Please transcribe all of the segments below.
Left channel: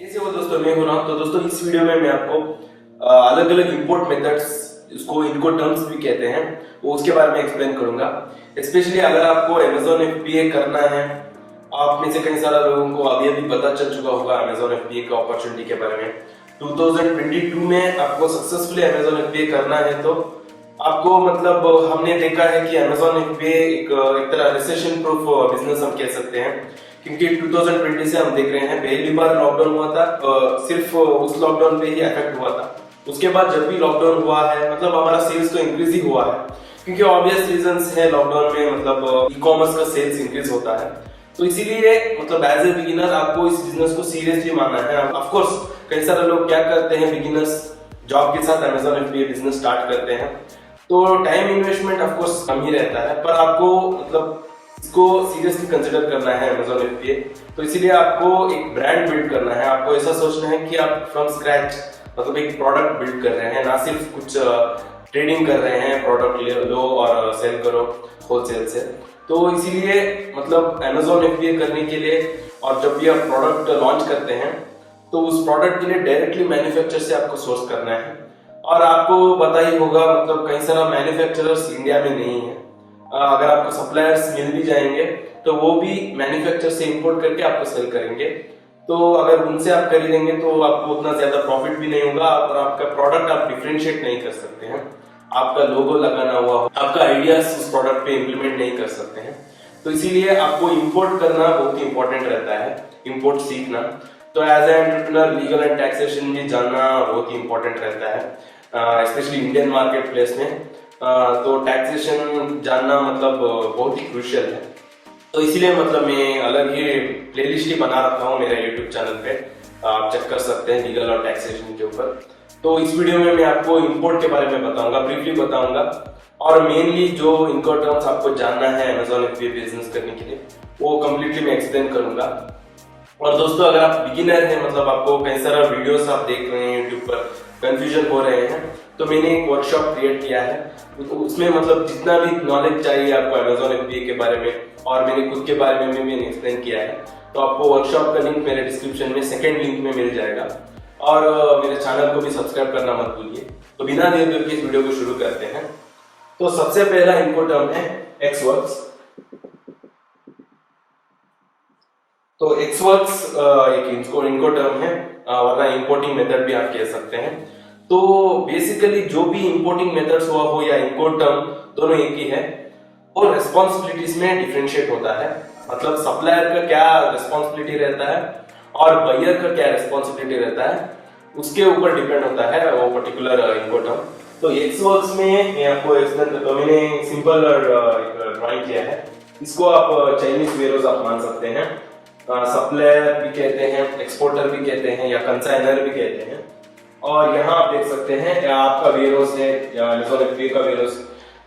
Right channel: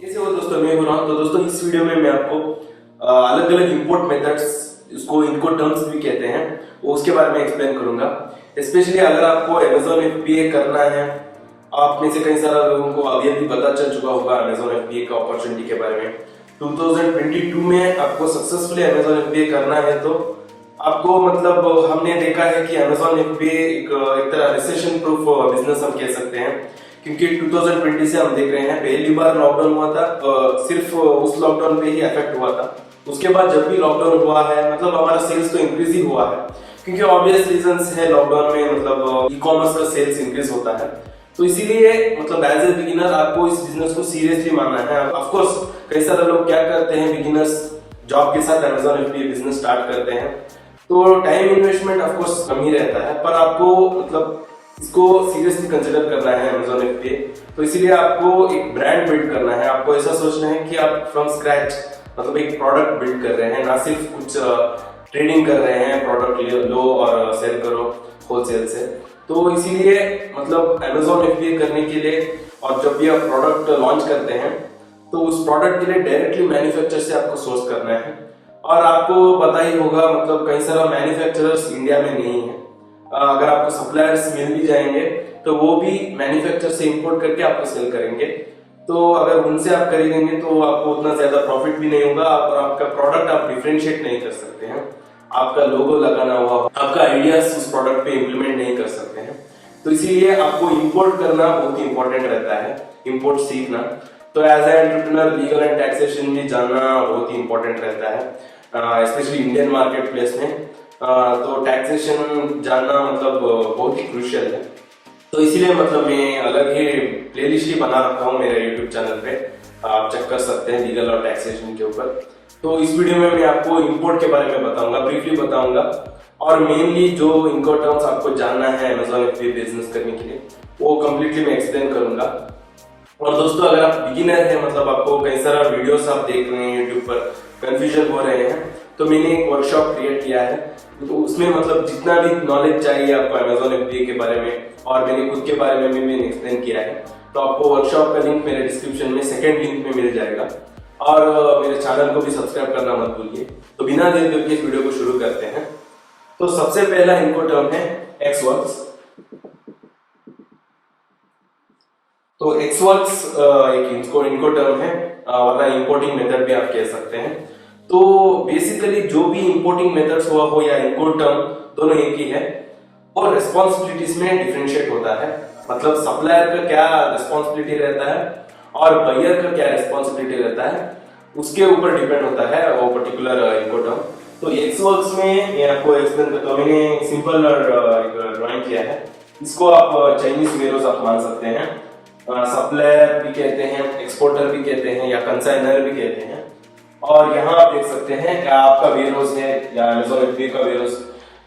कैसे हो दोस्तों, मैं हूं राम। तो दोस्तों इस वीडियो में मैं आपको अलग अलग इंपोर्ट मेथड्स, इसको इनको टर्म्स भी कहते हैं, वो उसके बारे में एक्सप्लेन करूंगा। स्पेशली अगर आपको अमेजोन FBA करना है, आप में से कई सारे लोगों को अभी अभी पता चल चुका होगा अमेजोन FBA का अपॉर्चुनिटी के बारे में। 2022 में आपको सक्सेसफुली अमेजोन FBA करना है तो आपको मतलब हमने देखा है कि अमेजोन FBA एक तरह रिसेशन प्रूफ बिजनेस हम कह सकते हैं, क्योंकि 2020 से हम देख रहे हैं पहली बार लॉकडाउन हुआ था, सिर्फ उस लॉकडाउन पे ही इफेक्ट हुआ था। उसके बाद जब भी लॉकडाउन हुआ है मतलब हमारा सेल्स तो इंक्रीज ही हुआ है, क्योंकि ऑब्वियस रीजंस है लॉकडाउन में मतलब ई कॉमर्स का सेल्स इंक्रीज होता है। तो इसीलिए मतलब एज ए बिगिनर आपको इस बिजनेस को सीरियसली मानना है। ऑफ कोर्स कई सारे लोग क्या करते हैं, बिगिनर्स जॉब के साथ अमेजोन FBA बिजनेस स्टार्ट करते हैं, तो टाइम इन्वेस्टमेंट ऑफ कोर्स कम ही रहता है, पर आपको मतलब इसको सीरियसली कंसिडर करना है अमेजोन FBA। तो इसीलिए आपको एक ब्रांड बिल्ड करना है। आपको ऐसा सोचना है कि आप फ्रॉम स्क्रैच मतलब एक प्रोडक्ट बिल्ड कर रहे हैं, ना सिर्फ कुछ ट्रेडिंग कर रहे हैं, प्रोडक्ट लो और सेल करो होलसेल से। तो इसीलिए मतलब अमेजोन FBA करने के लिए और जब भी आप प्रोडक्ट लॉन्च करते हैं तो उस प्रोडक्ट के लिए डायरेक्टली मैन्युफैक्चर से आपको सोर्स करना है। और आपको पता ही होगा मतलब कई सारा मैन्युफैक्चरर्स इंडिया में नहीं है। अगर आपको सप्लायर्स मिल भी जाएंगे तो वो भी मैन्युफैक्चर से इंपोर्ट करके आपको सेल करेंगे। तो अगर उनसे आप खरीदेंगे तो आपको उतना ज्यादा प्रॉफिट भी नहीं होगा और आपका प्रोडक्ट आप डिफरेंशिएट नहीं कर सकते हैं। आपका लोगो लगाना हुआ, आपका आइडियाज उस प्रोडक्ट पे इम्प्लीमेंट नहीं कर सकते हैं। तो इसीलिए आपको इंपोर्ट करना बहुत ही इंपॉर्टेंट रहता है, इंपोर्ट सीखना। तो as a entrepreneur legal and taxation भी जानना बहुत ही इंपॉर्टेंट रहता है, स्पेशली इंडियन मार्केट प्लेस में। तो टैक्सेशन जानना मतलब बहुत ही क्रूशियल है। तो इसीलिए मतलब मैं अलग ही प्लेलिस्ट ही बना रखा हूँ मेरे यूट्यूब चैनल पे, आप चेक कर सकते हैं लीगल और टैक्सेशन के ऊपर। तो इस वीडियो में मैं आपको इंपोर्ट के बारे में बताऊंगा, ब्रीफली बताऊंगा, और मेनली जो इनको टर्म्स आपको जानना है अमेजोन FBA बिजनेस करने के लिए वो कम्प्लीटली मैं एक्सप्लेन करूंगा। और दोस्तों अगर आप बिगिनर हैं, मतलब आपको कई सारा वीडियोस आप देख रहे हैं यूट्यूब पर, कंफ्यूजन हो रहे हैं, तो मैंने एक वर्कशॉप क्रिएट किया है। तो उसमें मतलब जितना भी नॉलेज चाहिए आपको अमेजोन FBA के बारे में और मेरे खुद के बारे में भी मैंने एक्सप्लेन किया है। तो आपको वर्कशॉप का लिंक मेरे डिस्क्रिप्शन में सेकंड लिंक में मिल जाएगा। और मेरे चैनल को भी सब्सक्राइब करना मत भूलिए। तो बिना देर के इस वीडियो को शुरू करते हैं। तो सबसे पहला इनको टर्म है एक्सवर्क्स। तो एक्सवर्क्स एक इनको टर्म है, वरना इंपोर्टिंग मेथड भी आप कह सकते हैं। तो बेसिकली जो भी इंपोर्टिंग मेथड्स हुआ हो या इंपोर्ट टर्म, दोनों एक ही है और रिस्पॉन्सिबिलिटीज में डिफरेंशिएट होता है। मतलब सप्लायर का क्या रिस्पॉन्सिबिलिटी रहता है और बायर का क्या रिस्पॉन्सिबिलिटी रहता है, उसके ऊपर डिपेंड होता है वो पर्टिकुलर इंपोर्ट टर्म। तो एक्सवर्क्स में मैं आपको एक्सप्लेन करता हूँ। मैंने सिंपल ड्राइंग किया है, इसको आप चाइनीज वेयरहाउस आप मान सकते हैं, सप्लायर भी कहते हैं, एक्सपोर्टर भी कहते हैं या कंसाइनर भी कहते हैं। और यहाँ आप देख सकते हैं आपका वेयरहाउस है या अमेजोन FBA का वेयरहाउस,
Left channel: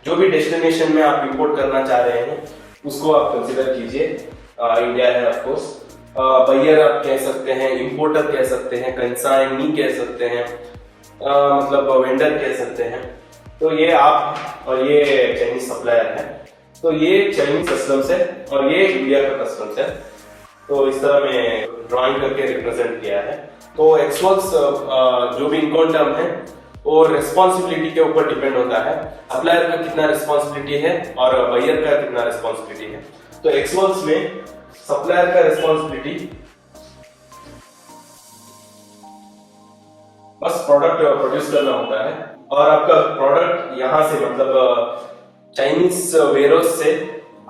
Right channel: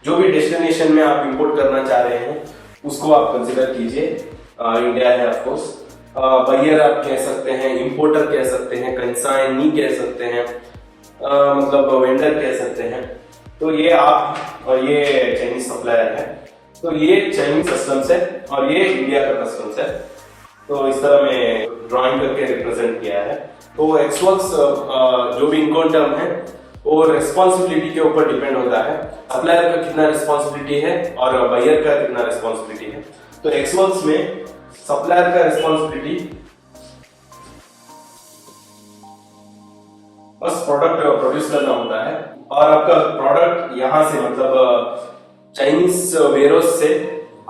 जो भी डेस्टिनेशन में आप इंपोर्ट करना चाह रहे हैं उसको आप कंसिडर कीजिए। इंडिया है ऑफ कोर्स। बायर आप कह सकते हैं, इंपोर्टर कह सकते हैं, कंसाइनी कह सकते हैं, मतलब वेंडर कह सकते हैं। तो ये आप और ये चाइनीज सप्लायर है। तो ये चाइनीज कस्टम्स है और ये इंडिया का कस्टम्स है। तो इस तरह मैं ड्राइंग करके रिप्रेजेंट किया है। तो एक्सवर्क्स जो भी इनकम टर्म है वो रिस्पॉन्सिबिलिटी के ऊपर डिपेंड होता है, सप्लायर का कितना रिस्पॉन्सिबिलिटी है और बायर का कितना रिस्पॉन्सिबिलिटी है। तो एक्सवर्क्स में सप्लायर का रिस्पॉन्सिबिलिटी बस प्रोडक्ट प्रोड्यूस करना होता है और आपका प्रोडक्ट यहां से मतलब चाइनीज वेयरहाउस से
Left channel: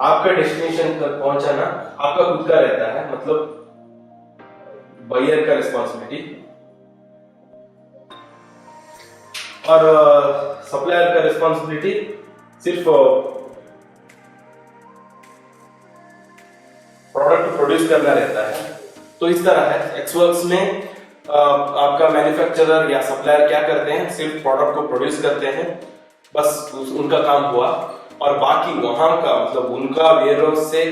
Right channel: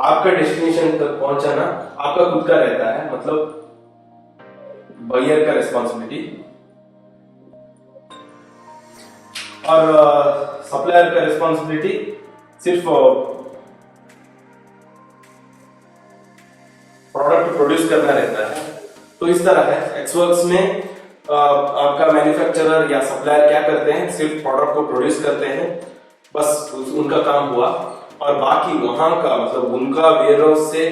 आपका डेस्टिनेशन तक पहुंचाना आपका खुद का रहता है, मतलब बायर का रिस्पॉन्सिबिलिटी। और सप्लायर का रिस्पॉन्सिबिलिटी सिर्फ प्रोडक्ट प्रोड्यूस करना रहता है। तो इस तरह है एक्सवर्क्स में आपका मैन्युफैक्चरर या सप्लायर क्या करते हैं, सिर्फ प्रोडक्ट को प्रोड्यूस करते हैं, बस उनका काम हुआ। और बाकी वहां का मतलब उनका वेयरहाउस से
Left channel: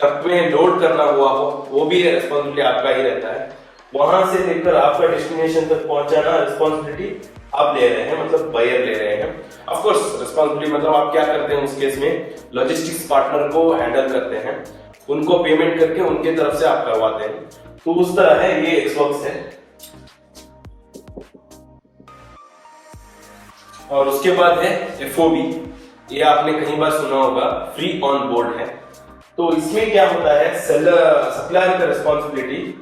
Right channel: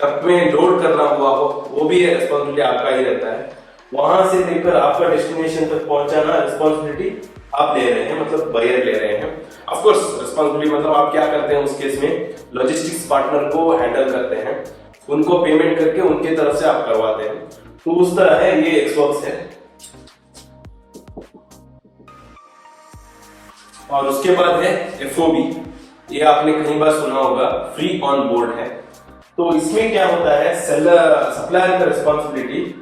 ट्रक में लोड करना हुआ हो वो भी रिस्पॉन्सिबिलिटी आपका ही रहता है। वहां से लेकर आपका डेस्टिनेशन तक पहुंचाना रिस्पॉन्सिबिलिटी आप ले रहे हैं, मतलब बायर ले रहे हैं। ऑफ कोर्स रिस्पॉन्सिबिलिटी मतलब आप क्या करते हैं उस केस में, लॉजिस्टिक्स पार्टनर को हैंडल करते हैं, उनको पेमेंट करके उनके तरफ से आप करवाते हैं। तो उस तरह है, ये एक्सवर्क्स है। और उसके बाद है FOB, ये आपने कहीं बार सुना होगा, फ्री ऑन बोर्ड है। तो इसमें क्या होता है, सेलर सप्लायर का रिस्पॉन्सिबिलिटी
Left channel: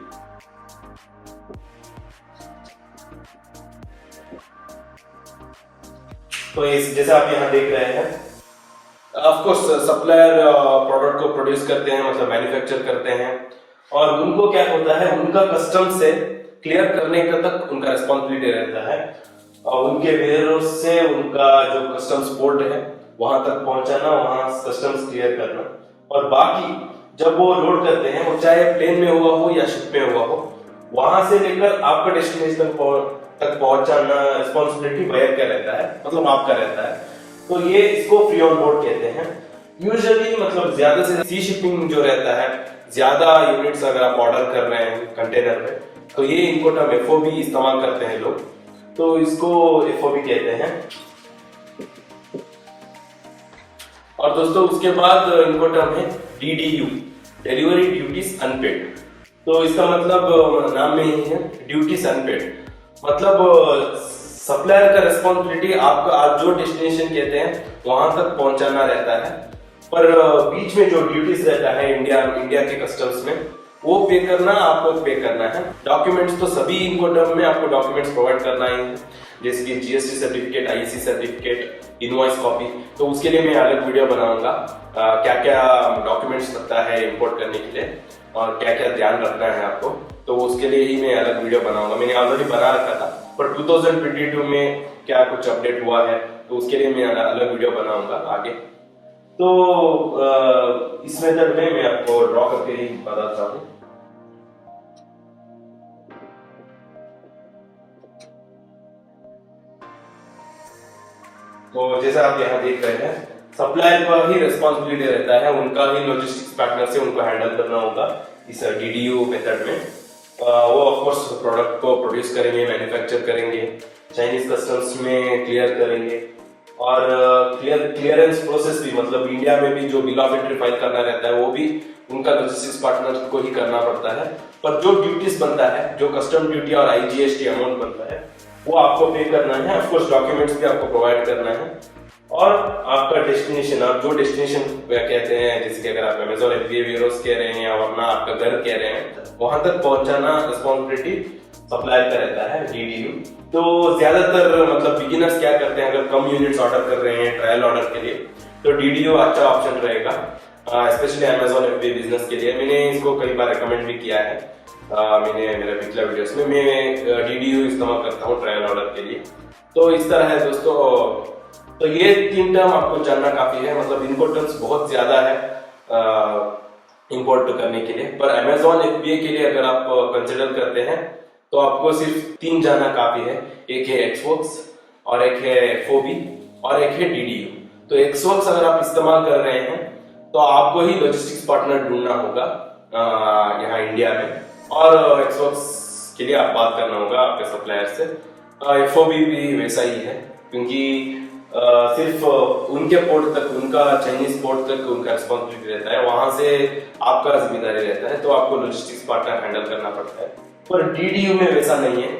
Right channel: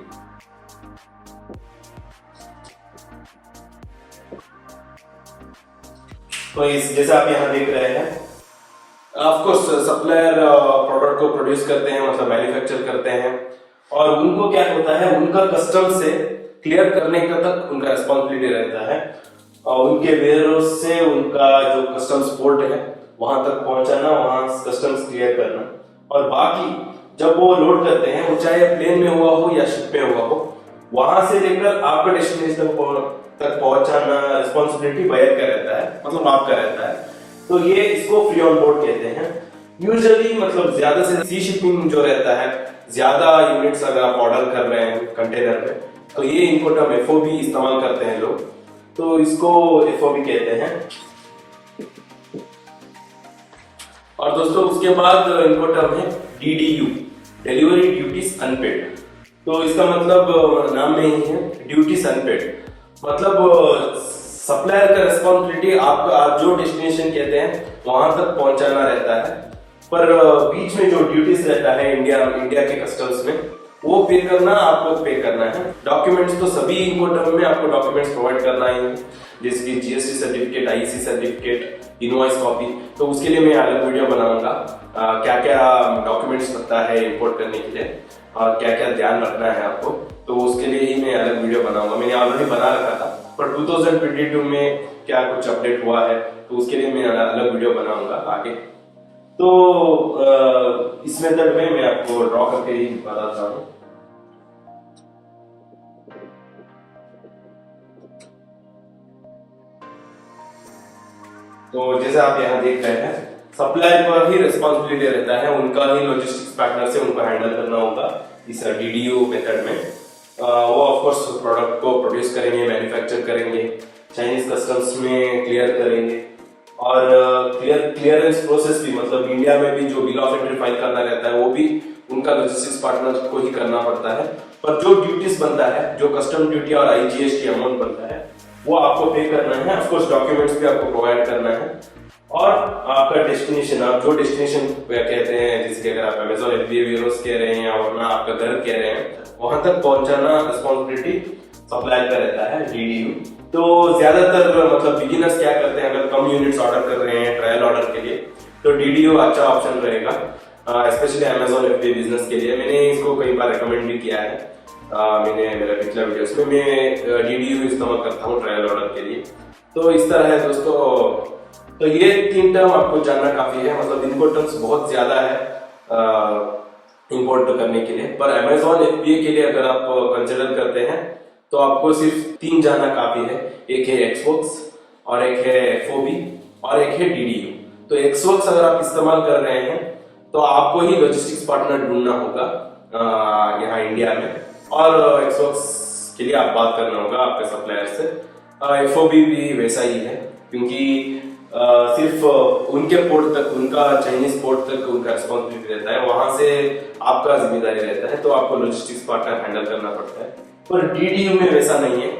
तो इस जैसे आप यहां देख रहे हैं, ऑफ कोर्स सप्लायर प्रोडक्ट को प्रोड्यूस करते हैं, मतलब मैन्युफैक्चर करते हैं, और उनको क्या होता है, उनका कस्टम से क्लियर करने का तक उनका रिस्पॉन्सिबिलिटी रहता है, और उनके वेयरहाउस से उनका जो कस्टम्स पोर्ट है वहां तक पहुंचाना, वहां कस्टम्स क्लियर करना, और बाकी जब वो लोड करते हैं, वो चाहे प्लेन में हुआ हो या शिप में हुआ हो, वहां से लेकर आपका डेस्टिनेशन तक पहुंचाना रिस्पॉन्सिबिलिटी बायर का रहता है, मतलब आपका रहता है। तो ये इसको फ्री ऑन बोर्ड कहते हैं। यूजुअली मतलब ज्यादा से सी शिपिंग जो रहता है, ज्यादा यूनिट्स अगर आप ऑर्डर कर रहे हैं कंटेनर में, तो ये इनकोटर्म FOB इस्तेमाल करते हैं लोग, तो इसको FOB कहते हैं। और दोस्तों उसके बाद इनकोटर्म है DDU, डिलीवरी ड्यूटीज अनपेड। तो इसका मतलब नाम में ही है, ड्यूटीज अनपेड, मतलब सप्लायर का रिस्पॉन्सिबिलिटी आपका, आप जो डेस्टिनेशन कहते हैं वहां तक पहुंचाना रहता है, पर बीच में जो ड्यूटीज रहता है इंडिया के कस्टम्स में, वो पे करना आपको पे करना है। डॉक्यूमेंट्स तो सभी इनकोटर्म में आपको डॉक्यूमेंट्स प्रोवाइड करना ही है, जैसे कि GST certificate, IEC certificate, invoice copy. तो उसके लिए मैं अलग वीडियो बनाऊंगा, क्या क्या डॉक्यूमेंट्स लगता है इंपोर्ट करने के लिए और क्या क्या ध्यान रखना है आपको, तो उसके लिए ही मैं अलग वीडियो बनाऊंगा। मैंने ऑलरेडी बना रखा था, पर 2022 में क्या कुछ अपडेट हुआ है, तो उसके लिए मैं अलग वीडियो बनाऊंगा आगे। तो इस मेथड में मैं आपको ड्रॉ करके ही बताता हूँ। तो जैसे आप यहाँ देख रहे हैं, सप्लायर का ही रिस्पॉन्सिबिलिटी रहता है, उनका ही लॉजिस्टिक्स पार्टनर से उनको हैंडल करना होगा इस DDU मेथड में। वो ऑफ कोर्स प्रोडक्ट को प्रोड्यूस करेंगे, मैन्युफैक्चर करेंगे, चाइनीज कस्टम्स में क्लियर करेंगे, और क्लियरेंस प्रोसेस भी, मतलब इंडिया में भी जो बिल ऑफ एंट्री फाइल करना रहता है वो भी उनका लॉजिस्टिक्स पार्टनर को ही करना पड़ता है। पर जो ड्यूटीज बनता है, जो कस्टम ड्यूटी और IGST अमाउंट बनता है, वो आपको पे करना है। ऑफ कोर्स डॉक्यूमेंट्स भी आपको प्रोवाइड करना है, और आपका डेस्टिनेशन, आप जो डेस्टिनेशन कहते हैं, जैसे कि अगर आप अमेज़न FBA वेयरहाउस कह रहे हैं या वरना आपका घर कह रहे हैं, वहां तक पहुंचाना रिस्पॉन्सिबिलिटी सप्लायर का रहता है, DDU। तो ज्यादातर मतलब बिगिनर्स क्या करते हैं, अगर कम यूनिट्स ऑर्डर कर रहे हैं ट्रायल ऑर्डर के लिए, तो DDU अच्छा ऑप्शन रहेगा, स्पेशली अमेज़न FBA बिजनेस के लिए। मैंने इसको कई बार रिकमेंड भी किया है, मैंने मेरे पिछले वीडियोस में मैं DDU इस्तेमाल करता हूँ ट्रायल ऑर्डर के लिए। तो इस तरह है दोस्तों। तो ये 3 टर्म आपको जानना काफी है, मतलब इनको टर्म्स बहुत ज्यादा है इंपोर्ट करने के लिए, पर अमेज़न FBA के लिए अगर आप कंसिडर करते हैं तो आपको सिर्फ 3 जानना काफी है। एक है एक्सवर्क्स, और एक है FOB, और एक है DDU। तो एक्सवर्क्स अगर आप इस्तेमाल कर रहे हैं तो आपको ही लॉजिस्टिक्स पार्टनर ढूंढना होगा यहाँ इंडिया में, और एक्सवर्क्स के लिए आप बात करना होगा आपके सप्लायर से। FOB भी वैसा ही है, क्योंकि सिर्फ उनके पोर्ट तक, उनका चाइनीज पोर्ट तक उनका रिस्पॉन्सिबिलिटी रहता है, वहां से आपका जिम्मेदारी रहता है, तो आपको लॉजिस्टिक्स पार्टनर हैंडल करना पड़ता है। पर DDU में वैसा नहीं है,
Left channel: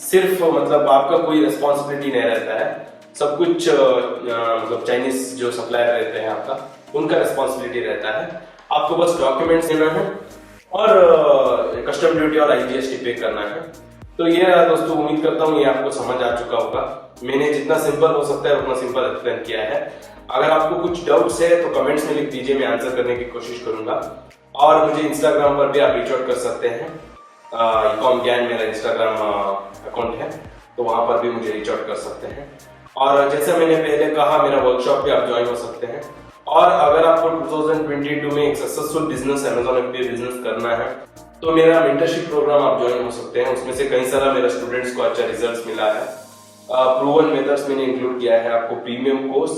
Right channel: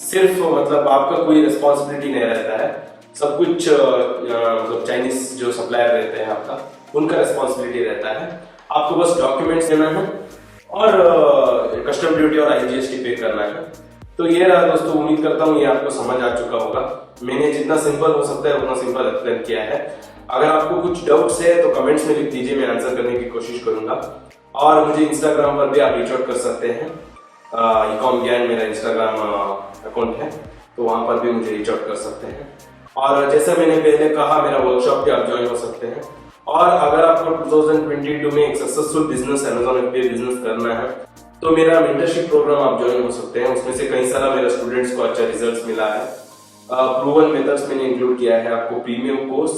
सिर्फ मतलब आपका कोई रिस्पॉन्सिबिलिटी नहीं रहता है, सब कुछ मतलब चाइनीज जो सप्लायर रहते हैं आपका, उनका रिस्पॉन्सिबिलिटी रहता है। आपको बस डॉक्यूमेंट्स देना है और कस्टम ड्यूटी और IGST पे करना है। तो ये रहा दोस्तों, उम्मीद करता हूँ ये आपको समझ आ चुका होगा। मैंने जितना सिंपल हो सकता है उतना सिंपल एक्सप्लेन किया है। अगर आपको कुछ डाउट्स है तो कमेंट्स में लिख दीजिए, मैं आंसर करने की कोशिश करूंगा। और मुझे इंस्टाग्राम पर भी आप रीच आउट कर सकते हैं, ecom ज्ञान मेरा इंस्टाग्राम अकाउंट है, तो वहां पर भी मुझे रीच आउट कर सकते हैं। और जैसा मैंने पहले कहा, मेरा वर्कशॉप भी आप ज्वाइन कर सकते हैं। और अगर आपको 2022 में एक successful business, Amazon FBA business करना है, तो मेरा मेंटरशिप प्रोग्राम आप ज्वाइन हो सकते हैं। उसमें से कई सारा मेरे स्टूडेंट्स को अच्छा रिजल्ट्स मिला है। प्रूवन मेथड्स मैंने इंक्लूड किया है, आपको प्रीमियम कोर्स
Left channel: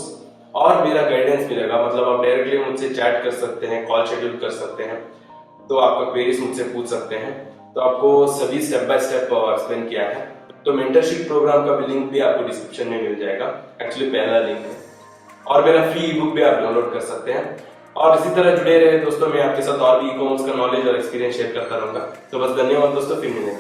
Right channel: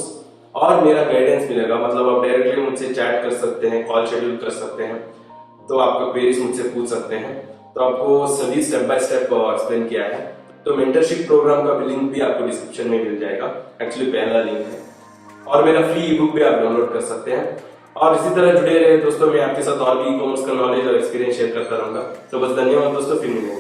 और मेरा गाइडेंस मिलेगा। मतलब आप डायरेक्टली मुझसे चैट कर सकते हैं, कॉल शेड्यूल कर सकते हैं, तो आपका क्वेरीज मुझसे पूछ सकते हैं। तो आपको सभी स्टेप बाय स्टेप एक्सप्लेन किया है। तो मेंटरशिप प्रोग्राम का भी लिंक भी आपको डिस्क्रिप्शन में मिल जाएगा, एक्चुअली पहला लिंक है। और मेरा फ्री ई बुक भी आप डाउनलोड कर सकते हैं। और इसी तरह जुड़े रहे दोस्तों, मैं आपके साथ और भी ई कॉमर्स का नॉलेज और एक्सपीरियंस शेयर करता रहूंगा। तो बस धन्यवाद दोस्तों, फिर मिलेंगे।